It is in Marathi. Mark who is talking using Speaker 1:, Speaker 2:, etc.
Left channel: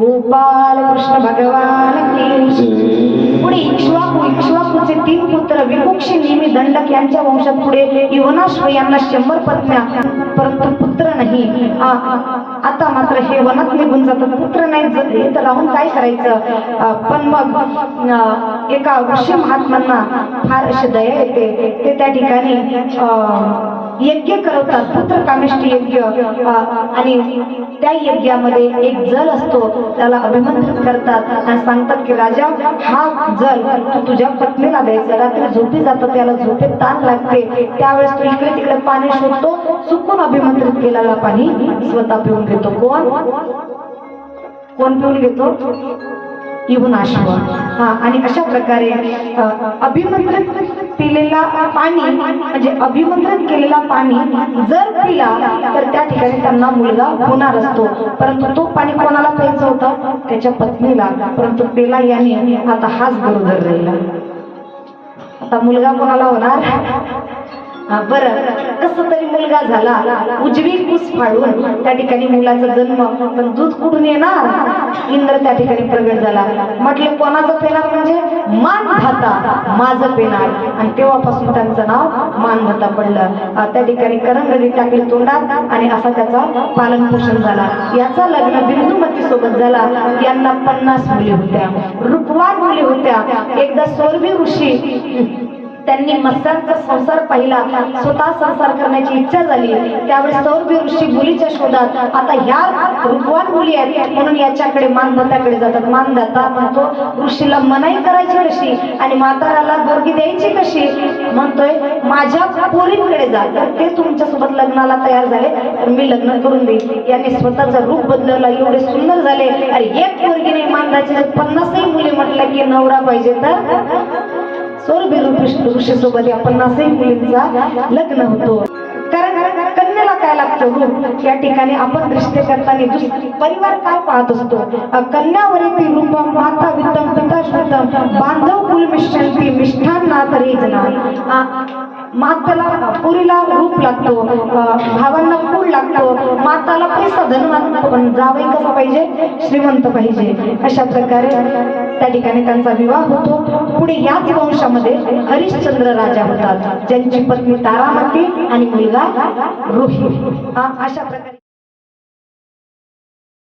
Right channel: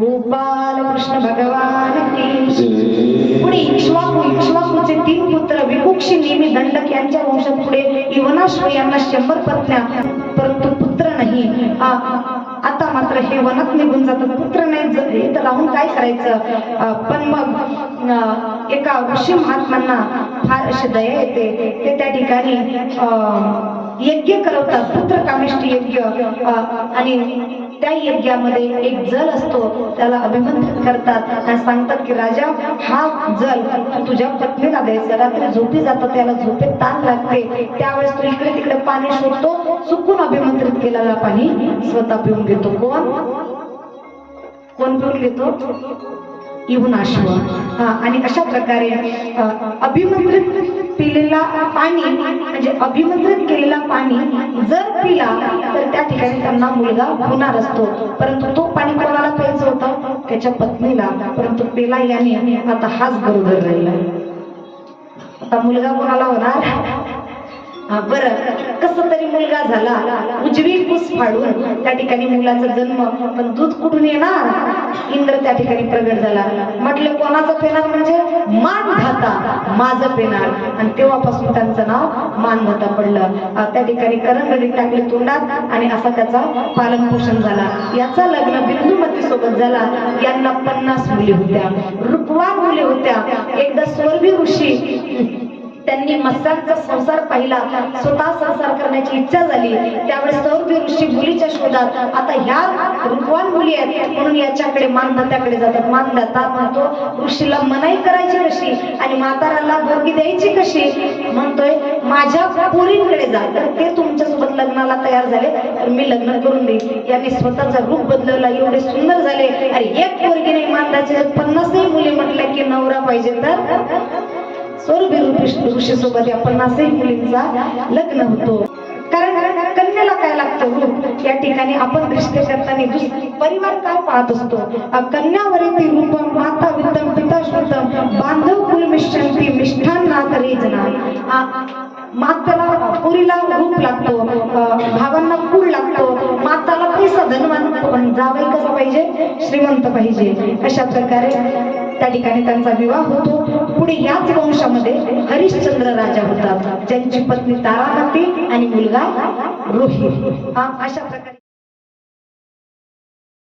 Speaker 1: गोपाल कृष्ण भगवान पुढे इक्ष्वाकू इक्ष्वाकूचे तीन पुत्र विकुक्षी नेहमी दंडक यांच्या वंशात पुढे युवनाश्व यांना शंभर पत्न्या परंतु पुत्र नाही. आता मात्र हे वनात निघून जातात पुत्र नाही ज- राहून काय करायचं? पण मग एका ऋषी महात्म्यांना फार अशी दया येते. ते त्या ठिकाणी यज्ञ करवतात. पुत्र कामिष्ठी यज्ञ आणि त्या यज्ञामध्ये एक जल असतो त्याला अभिमंत्रित करतात. आणि सांगतात की राजा हा जल तुझ्या पत्नीला द्यायचा रात्री झोपी जातं त्याला झोपेत ताण लागते. त्यावेळेस तू इकडे तिकडे पाणी शोधतो चुकून अभिमंत्रित केलेला पाणी स्वतः पिऊन घेतो. कोण? कोण पिऊन घेतो? इहून आशा हा आणि अशा प्रकारे अभिमंत्रित पिलेला पाणी म्हणजे अभिमंत्रित केलेला पाणी जर पिला तर त्या ठिकाणी त्यांना मुलगा होणार असतो. परंतु तो पाणी कोणाला प्यायचं होतं? त्याच्या पत्नीला. परंतु पेला याने. आता हाच बरोबर राहिला. आता मुलगा कोणाला होणार? बरं. कस तरी मुलगा झाला. उजवी कुस फाडून त्या ठिकाणी मुलाचा जन्म पण दूध कुठून येणार? इंद्र त्या ठिकाणी प्रगट झाला. म्हटलं कोणाचं पेणार म्हणजे? मान धाता माझं पेणार आणि तेव्हापासून त्यांचं नाव मानधाता पडलं. त्या ठिकाणी करंगडी टाकली तोंडात आणि असा त्याचा पालन पोषण झाला. याचा लग्न बिंदुमती सोबत झाला. यांना पन्नास मुली होत्या. रूपवान मुली होत्या. एकदा स्वर्गी ऋषी त्यांनी मत्स्यांचा संसार पाहिला. स्वतः संसार करण्याची इच्छा झाली. त्यावेळेस सौरभी ऋषी मुलीच्या शोधात आता ह्या रूपवान मुली आहेत म्हणून याच्याकडे मानदात्याकडे जातात. मानदाता म्हणतो ऋषीला मनाई करायची कशी? आणि म्हाताराला बोरगी द्यायची कशी? म्हणतोय माझ्या पोरींकडे जा. तर ते तुमच्यासोबत लग्नाला तयार झाले तर मी लग्न करून देईन. याने स्वतःचं रूप बदलवलं. एवढे सुंदर झाले. आणि एक पोरगी नाही मानदाचे पन्नासही मुली म्हटलं की नवरा पाहिजे तर? सौरभ ऋषी सोबत या पन्नासही मुलींचा लग्न होतो. कारण कन्याला काय लागतं या ठिकाणी आपण रिश्ते करताना परिवार काय पाहत असतो? अ, कन्यावरी रूप माता वित्तम पिता शुद्धम बांधव कुल मिष्टांती मिष्ठांना तरी जना. माताला पुरीला रूप लागतो भावांना कूळ लागतो माताला पैसा धनवान पण जावई कसा पाहिजे श्रीमंत पाहिजे. अशा प्रकारे त्या ठिकाणी त्यांचा विवाह होतो. पुढे याच वंशामध्ये हरिश्चंद्र राजा होतात. ज्यांची पत्नी तारामती आणि मुलगा रोहित हा अशा प्रकारे